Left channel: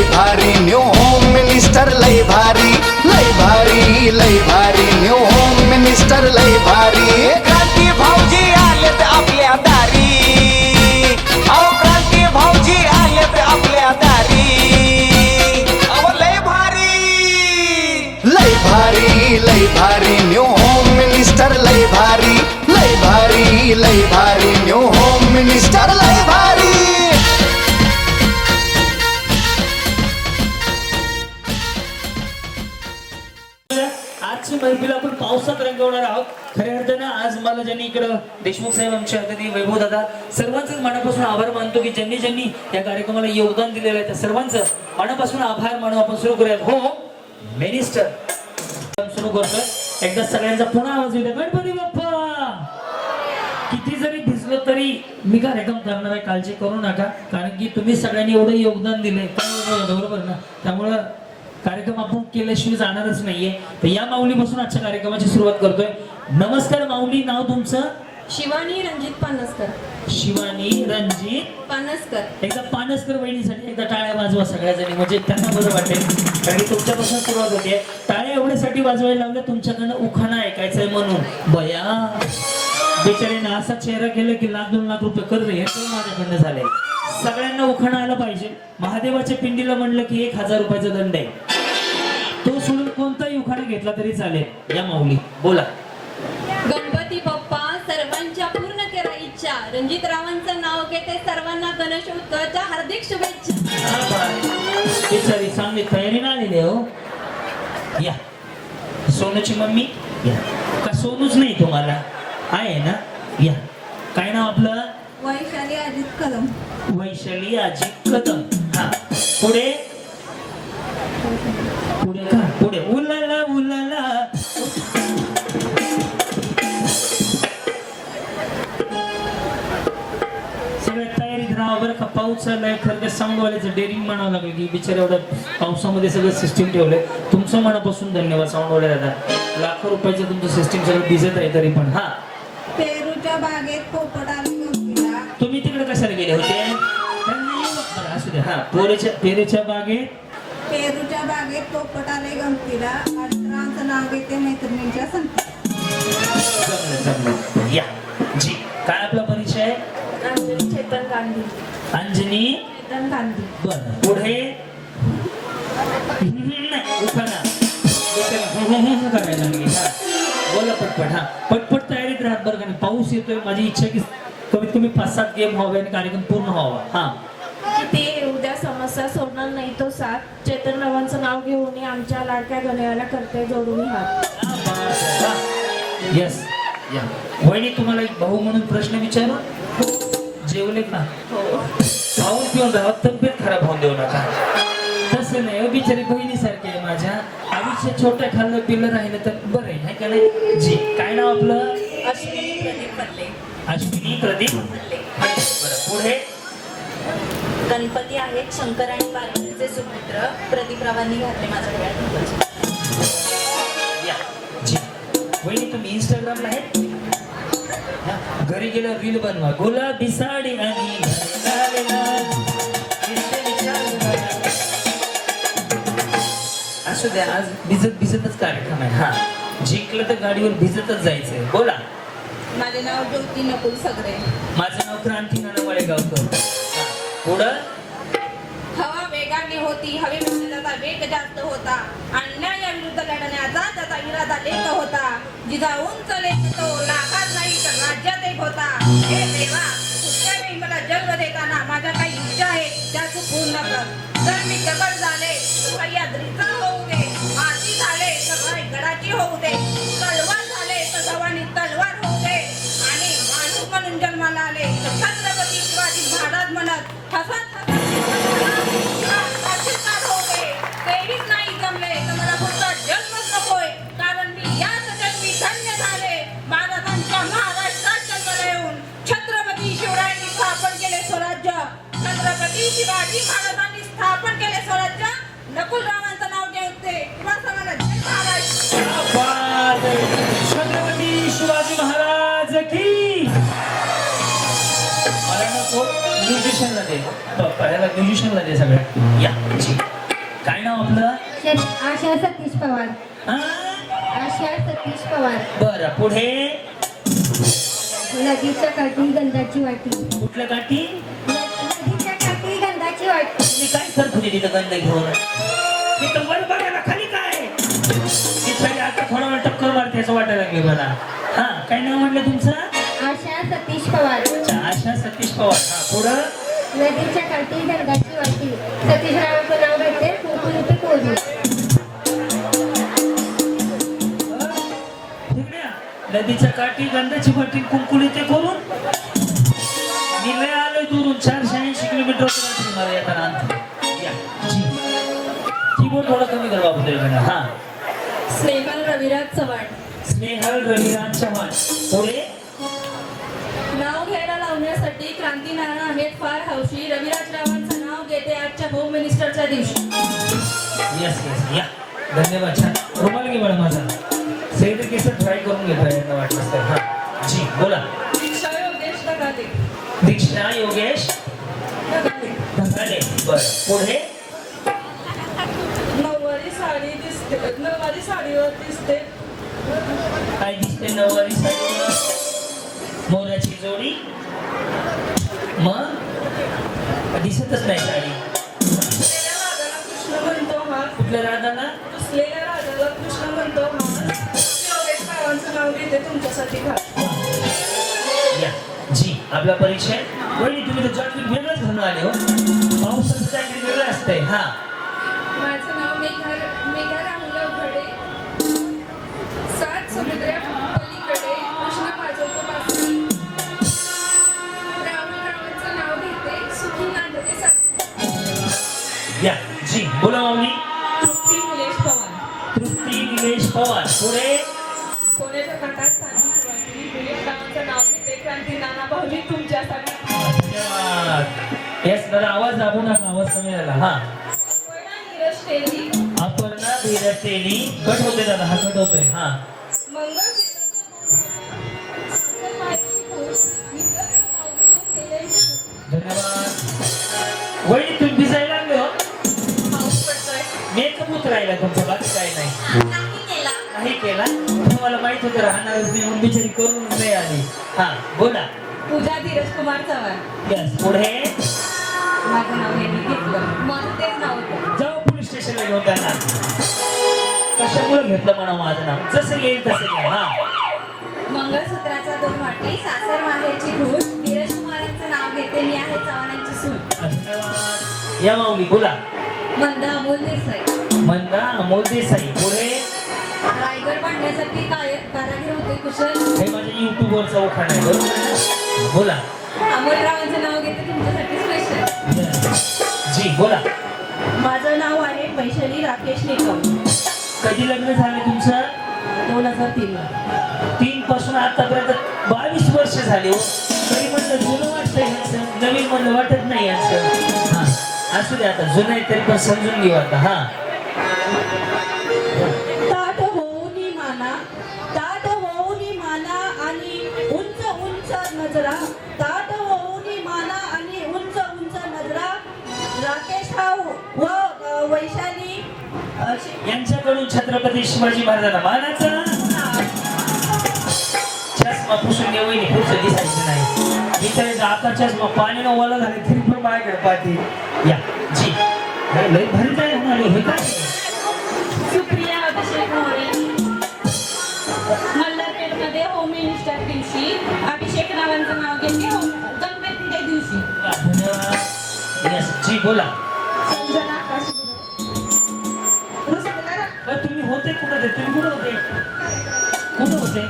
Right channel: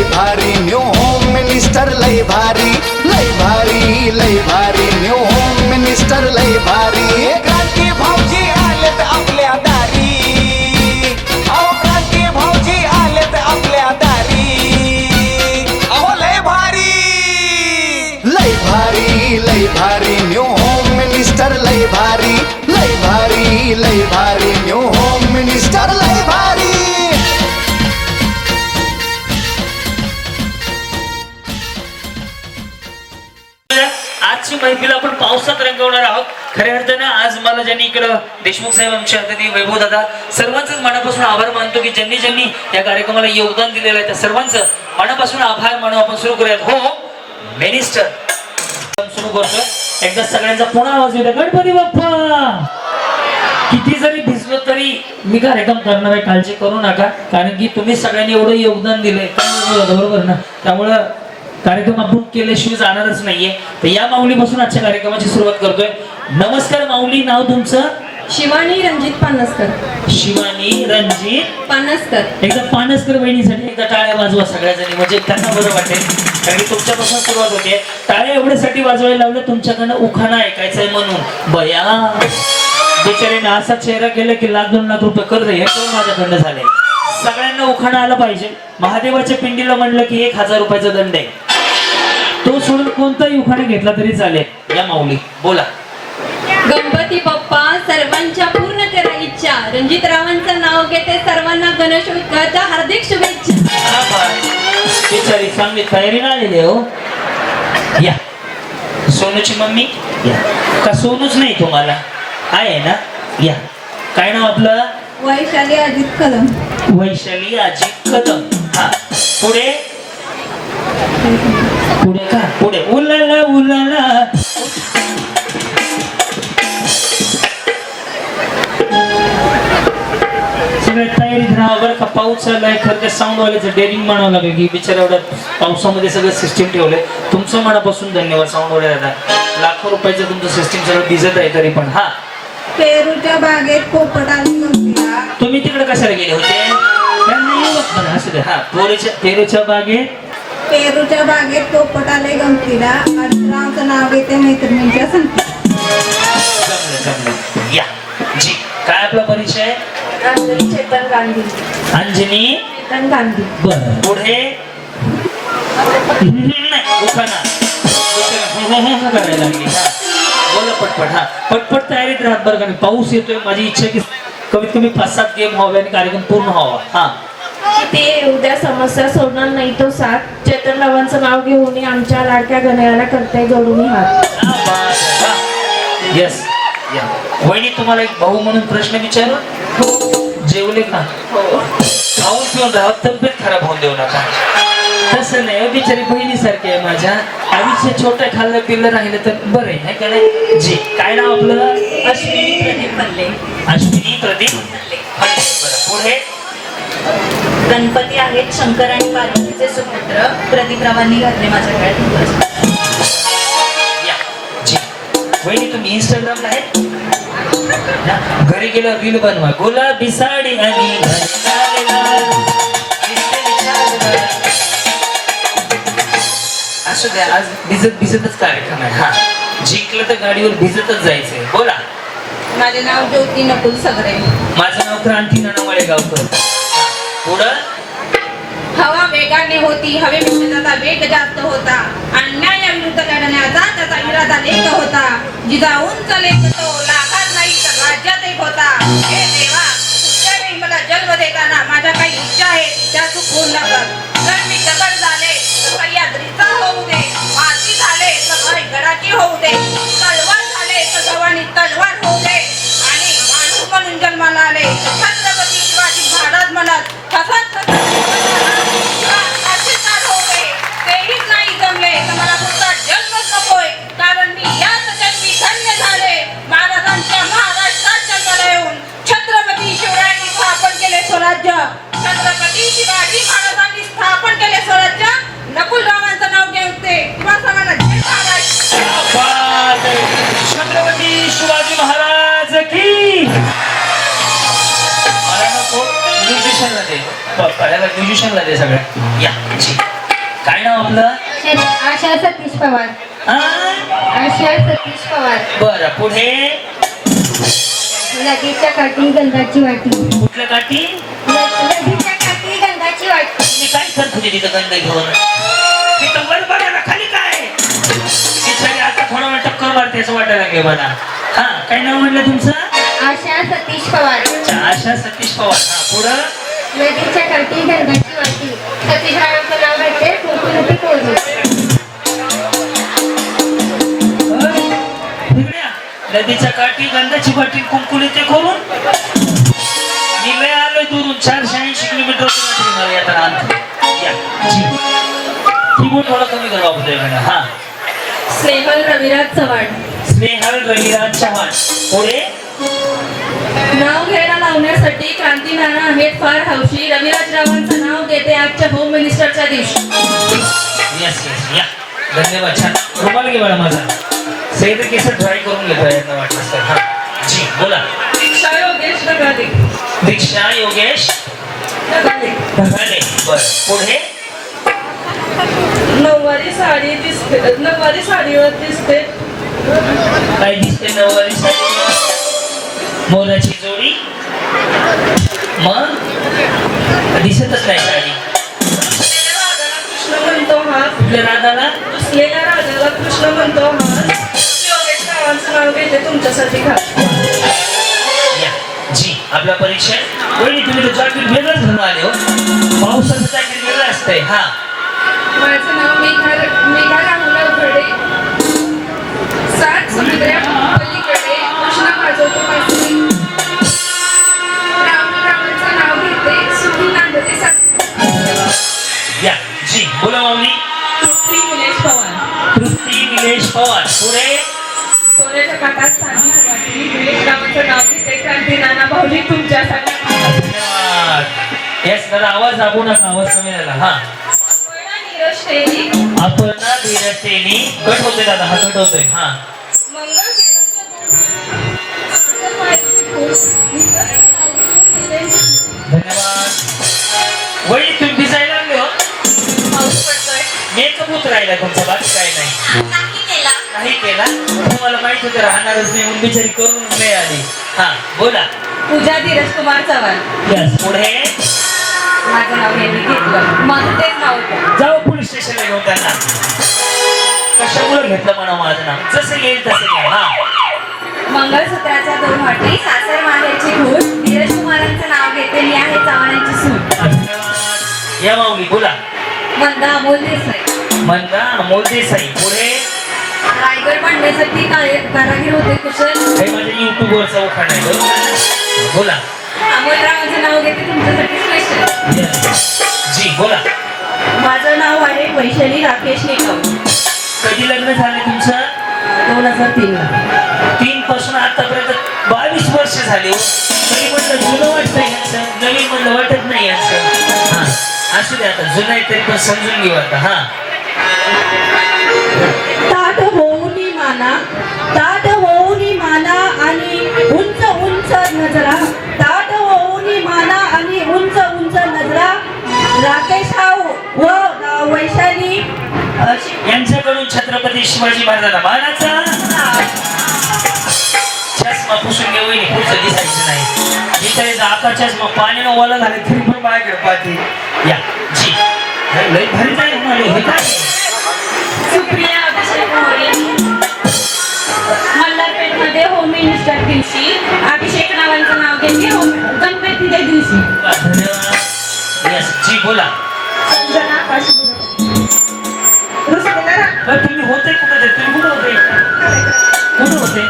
लय भारी new home minister लय भारी लय भारी लय भारी न्यू होम मिनिस्टर लय भारी क्रांती भाऊजी आलेत आपल्या दारी अहो क्रांती भाऊजी आलेत आपल्या दारी अहो लय भारी लय भारी न्यू होम मिनिस्टर लय भारी लय भारी लय भारी न्यू होम मिनिस्टर लय भारी आजची मैफिल आपण पावसात रंगवणार आहोत. खऱ्या अर्थानं आज मला ज्यांनी इकडं देशमुख साहेब आमच्या अतिथी वैभव दादा सर्वांचंच मनापासून आभार मानतो की ज्यांनी ज्यांनी या कार्यक्रमाला योगदान दिलेलं आहे त्या सर्वांचं मनापासून आभार मानून आपण सुरू करूयात. हो मिनिस्टर सुरू करतोय. एकदा सगळ्यांचा पुन्हा आवाज येतो गणपती बाप्पा. किती जरी भिजलो तरी मी कार्यक्रम करणार आहे, काळजी करू नका, कारण की तुम्ही सगळ्यांनी एवढं योगदान दिलंय बरोबर ना, त्यामुळं कार्यक्रम आपण केल्याशिवाय जाणारच नाहीये. तर या माऊलीपासून आजच्या कार्यक्रमाची सुरुवात करतोय. नमस्कार माऊली, नाव तुमचं? शिवानी रणजित पानसकर. शिवानी रणजित पानसकर. एकदा पानसकर बहिणीसाठी एकदा टाळ्या वाजवा सगळ्याजणी, म्हणजे त्यांना बरं वाटेल, कारण की तुमच्यापासून सुरुवात होते. टाळ्या एवढ्यासाठी वाजवायला लावलं तुमच्याकडनं उखाणा ऐकायचंय म्हणून. बया बिचारीने असा चेहरा केला की लाख 2 लाख रुपये कर्ज हे तो माझ्याकडनं झाले. सगळ्यांना उखाणा आला पाहिजे. महादेवाच्या पिंडीला म्हणलं की 1000 रुपयाचा दंड आहे. तो सोडून कोणताही उखाणा घेतला तरी चालेल. या माऊली बोला. गणपती बाप्पा सर्वांच्या पूर्ण करा इच्छा. रणजितरावांचं नाव घेते, सर्वांना गणेश उत्सवाच्या हार्दिक शुभेच्छा. बिचारी चांगली तयारी ना आलेली हो. या सोनूची मम्मी या. का सोनूच नाही तुम्हाला आहे ना? या काय नाव आपलं? वैशाली अजित कदम. वैशाली अजित कदम. हा पुढे पुढे का पुढे उलाला उलाला. सगळे तयारीत राहा बरं का. पाऊस चाललाय. खरं त्या साऊंड वाल्याचं डेअरिंग म्हणावं लागेल की बिचारा एवढ्या पावसामध्ये सगळं सिस्टीम ठेवलंय. तुमचं मनापासून धन्यवाद साऊंड वाले दादा. लाखो रुपयाचं तुमचं सिस्टीम सगळं भिजत आहे तरी पण. हा पेरूच्या बागेत पोपट आली. तुम्ही तिकडे कशाला गेले होते? त्यांना येऊ बघ असू दे. हा पेरूच्या बागेत पेरूच्या बागेत पोपट आले गमतीला. अडरावचं नाव घेते मैत्रिणींच्या संगतीला. या जी काय आपला परिचय? अंजनी चेतन गांधी. अंजनी चेतन गांधी. बर पुढे उखाणा करायला लागली. हा बोला पटपट. हा पटपट तयारीत राहत बरं का. पाऊस येतोय. माझी इच्छा की कमीत कमी 5-7 गेम व्हावे आणि कार्यक्रम पूर्ण व्हावा. हा ते उद्या समस्या सोडणार नाही तो साथ. चेतनरावांचं नाव घेऊन आमच्या लाडक्या गणयाला करते जोडून हात. यस या वहिनी, तुम्हाला एक भाऊ म्हणून प्रश्न विचारू? जेवले का? खाऊन पिऊन राहा, तब्येत खराब होऊन देऊ नका. तसं नाही, बिचारी बहिणीसारखी आहे माझ्या. आयुष्य छोटं खाल्लं पिल्लं राहिलं तर बरं आहे का नाही? जी काय नाव आपलं? अश्विनी प्रदीप मल्ले. अश्विनी प्रदीप बरं पुढे गणपती आहेत शंकर आणि पार्वतीचे सुपुत्र. प्रदीपरावांनी घातले माझ्या गळ्यात. या जी वहिनी, तुम्ही इंस्टाग्रामला आहेत? घरी गेलं रील बनवा. गुलाबी साडी आणि असं द्या. आज भिजतच कार्यक्रम आहे. हा जिंकलं तर गाडीवर भिजतच जायचंय. बोला. माझे नाव ज्योती नकुल सगरे. माझं नाव क्रांती नाना गावकर. पुढं हवा वेगाने होती, हवेपेक्षा त्याचा वेग जास्त होता. अन्यायाविरुद्ध लढण्याचा त्याचा इरादा एक होता. जिजाऊंचा लेख तो लाखात नाही तर राज्यात एक होता. हे देवा, पुढच्या वेळी मला जन्म देताना माझ्या काही इच्छा आहेत त्या तू पूर्ण कर. जर मी दगड झाले तर सह्याद्रीचा होऊ दे. माती झाले तर गडाची होऊ दे. तलवार झाले तर गव्हाणी तलवार होऊ दे. आणि माणूस म्हणून जन्माला आले तर छत्रपती शिवाजी महाराज म्हणत हसत तेही नाही जमले तर मला पुढचा जन्मच नकोय. कारण मी याच जन्मी धन्य झाले. महाराजांच्या महाराष्ट्रात जन्माला येऊन छत्रपती शिवरायांनी स्थापन केले स्वराज्य. छत्रपती शिवाजी महाराजांनी स्थापन केले स्वराज्य. नकुलरावांचं नाव घेते किंवा सगळ्यांना जय महाराष्ट्र. छत्रपती शिवाजी महाराज की. मला नको म्युझिशियनला दे पप्पाला म्युझिशियनला दे सगळ्या या जी. काय नाव आपलं आशा सतीश पवार. हा? आशा सतीश पवार. बरं पुढे नदीच्या काठी गंधाची वाटी. कुठल्या काठी नदीच्या काठी गंधाची वाटी. मी काय करत होते तिथं गंध घेऊन मी तर वर बघायला खाली काय तिथं आता थोडा वेळ टक्कर मारते असं वाटायला लागले मला. हा काय नाव म्हटलं तुमचं आशा सतीश पवार. आशा सतीश पवार. हा पुढं नदीच्या काठी गंधाची वाटी. सतीश रावांचं नाव घेते कुंकुमती कोरली. नदीच्या काठी गंधाची वाटी कुंकुली ते करून मी लय आलोय दुरून 480 किलोमीटर मला येताना या जी. कीबोर्ड थोडा कमी कर बाबू हा. स्नेहल रविराज चव्हाण. स्नेहल रविराज चव्हाण. पुढे नाव घ्यायला लावण्यासाठी क्रांती नाना आहेत फार हौशी. रविराज रावांचं नाव घेते आजच्या होम मिनिस्टरच्या दिवशी. येस येस या धन्यवाद. छान रुमाल घे मला माझा सेद केस ट्राय करून घेतो यांना वाटलं तर. हा जी बोला. दीक्षा योगेश ढगाले. दीक्षा योगेश ढगाले. ढगाले. बरं पुढे नऊवारी साडी दिसते. नऊवारी साडीवर दिसते. काय दिसते नऊवारी साडीवर मोराची जोडी मग दिसतच नाही साडी. कृष्ण म्हणतो हा. कुठल्या राधाला दुसलेल्या राजाला कृष्ण म्हणतो हा. योगेश रावांचं नाव घेते तुमच्यासाठी खास. या जी आपल्या परीक्षेत वहिनी तुम्ही तर जॅकेट वेगळंच घालून आले हो. पावसाचं जॅकेट वेगळं असतंय. हा माझं नाव मेघा राहुला उघडे. 7 समुद्रा पलीकडे कृष्ण वाजवतो बासरी. रावांचं नाव घेते सुखी नांदते सासरी. या जी बोला माऊली. तृप्ती निलेश पवार. तृप्ती निलेश पवार. पुढे सोन्याच्या काटात साधी वाटी. निलेश रावांचं नाव घेते क्रांती नाना भाऊजी तुमच्यासाठी. धन्यवाद. येस दादा आवाज दाबू नका आवाज कमी झाला. हा नीरज शेरी. आपण ना धीरतेनी कट होतोय दादा हा कट होतोय. हा धन्यवाद. वहिनी तुम्ही भिजायला लागले हो. पाऊस पडतोय. मेकअप होत राहिला तुमचा बाकी काय नाही. नाही केला तुम्हाला माहित होतं राहणारच नाही म्हणून बिचारी करून नाही आली. हा बोला. पूजा धीरज कुमार चव्हाण. यस पुढे माझं नाव यांनी घेतलं. माझं तेच नाव होतं. जाऊ पोलीस स्टेशनला घेऊन त्यांना. कशामुळे घेतलं म्हणा माझं नाव जसं येईल तसं घ्या. हा मंगळसूत्राच्या 2 वाटी. सासर माहेरची घूट. धीरज कुमारांचं नाव घेते मी आहे चव्हाणांची सून. धन्यवाद. या माऊली बोला. मंदा अमोल देसाई. मंदा अमोल देसाई. पुढे रायगड बांधण्यासाठी कारागीर होते कुशल. हे माझ्या युट्यूबवरचा उखाण आहे बरोबर ना? बोला. अमोलरावांचं नाव घेते तुमच्यासाठी स्पेशल. Yes. जी बोला. माझं नाव आहे वैशाली राकेश निकम. कधी लग्न झालं तुमचं 2003 ला. 3 पासून आतापर्यंत 22 वर्ष झाले हो. तरी म्हणलं जुनं वाटतंय यांचं नवीन म्हणलं वाटत नाही यांचं. हा असू दे आता जुनं आहे तरी पण समजून घेऊ आता. हा ताट होऊनी माना. ताट होऊनी माना आणि उंच उंच नजरा. ताट होऊनी माना आणि उंच उंच नजरा. राकेश व वैशाली यांच्याकडून छत्रपती शिवाजी महाराजांना मानाचा चष्मा पुसून घेऊ पुढचं दिसायचं नाही. इथे आता चष्मा पाण्यानं ओला झाले तरी पण बाहेर पाहते. या जी लय भारी काय म्हणाले हे काय सुप्रिया अभिषेक मोरे. मल्हारपेठमध्ये होम मिनिस्टर दिवशी अभिषेक नावांचं नाव घेतले गणपतीच्या दिवशी. धन्यवाद. यस जी बोला. संजना काशीपुर. तुम्ही होते कुठे तुम्ही कुठे होते कुठे होते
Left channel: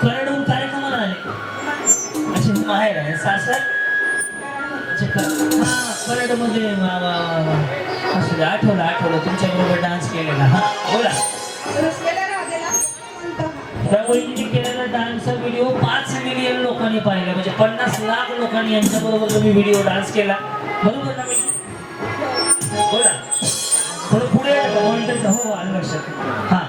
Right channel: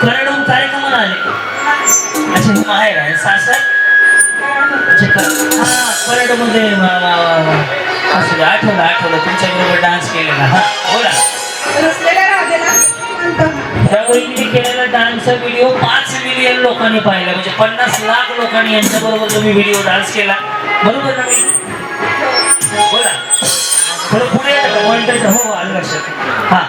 कराडहून कार्यक्रमाला आले. अच्छा हे माहेर आहे सासर. हा कराडमध्ये असू दे आठवलं तुमच्या बरोबर डान्स केलेला. हा बोला. त्या वहिनी केलेला डान्सचा व्हिडिओ 5 मिलियन लोकांनी पाहिला म्हणजे 50 लाख लोकांनी यांच्या बरोबर तुम्ही व्हिडिओ डान्स केला बरोबर ना वहिनी? बोला थोडं पुढे मॉनिटर. हो आलं लक्षात. हा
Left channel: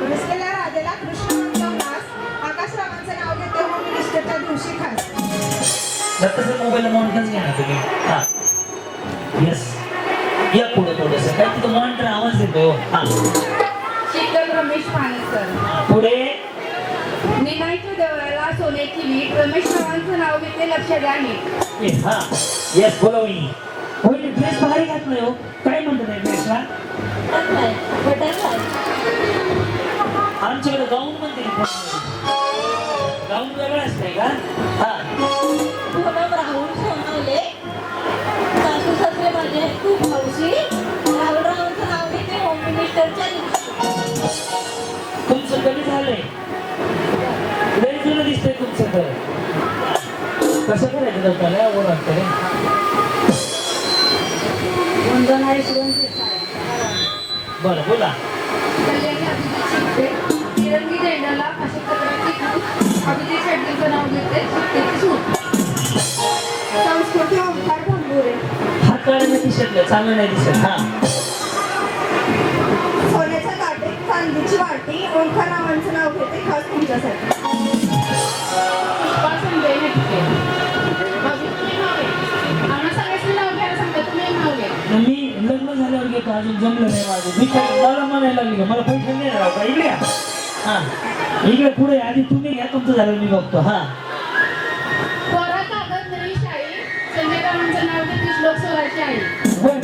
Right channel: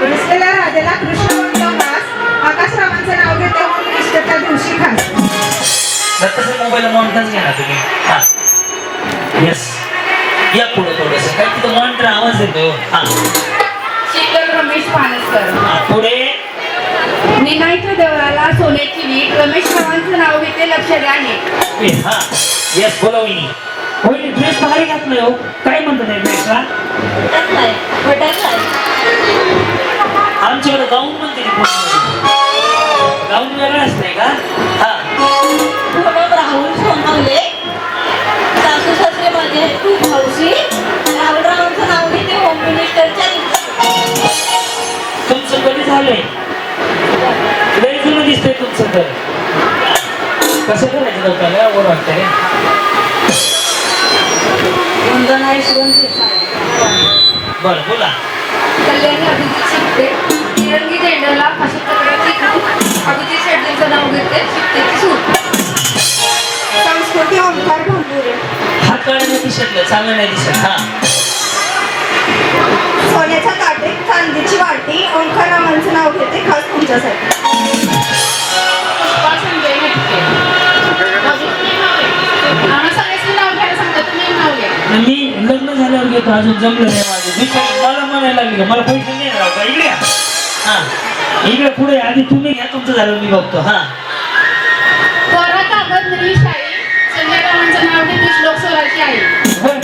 रुसलेल्या राजाला कृष्ण म्हणतो हास. आकाश रावांचं नाव घेते होम मिनिस्टरच्या दिवशी खास. तसं मोबाईल मॉनिटरच घ्या ना तुम्ही. हा येस या पुढे थोडस काय तिथं मॉनिटर आवाज देतो. हा शीतल रमेश पानसकर. पुढे निनायच्या देवळाला सोन्याची वीट. रमेश रावांचं नाव घेते, लक्ष द्या नीट. हा येस बोला वहिनी. वहिनी ड्रेस भारी घातलाय हो. काय म्हणतात त्या ड्रेसला? आमच्याकडे गाऊन म्हणते गाऊन वेगळं असतंय का? हा राहुल सोनावले, सासू सासरे माझे खूप हौशी. राहुल रावांचं नाव घेते, होम मिनिस्टरच्या. तुमचं कधी झालंय? लय जुनं दिसतंय तुमचं तर. कसं करायचं लोकांना वर वाटतंय. वंदना यशवंत देसाई. बरं बोला. कल्याणी अभिजित शिकते, तिरंगी झेंड्याला अशा प्रकारची खूप. अभिजित शेट्टींचं नाव घेते, शिकतेची सूट. संस्कृती ओंकार भंगुरे. हात काढायला दिसतलं चांगलं नाही दिसत. हा सोन्याच्या ताटेत चांदीची वाटी. ओंकार रावांचं नाव घेते, खास तुमच्यासाठी. पुष्पा संजय नटके. आम्हा सगळ्यांचं नाव घ्यायला सांगता, तुम्ही नाव घ्या. मी लग्न झाल्यावर घेतो, अजून जमलं नाही माझं. विचार मला म्हणायला लागली का मला पैसे नाही राहू का? इकडे या. हा इकडे पुढे आधी तुम्ही घ्या, तुमचं झालं मी बघतो. हा कोरा कागद निळी शाई. संजय रावांचं नाव घेते, श्लोक स्वराची आई. होय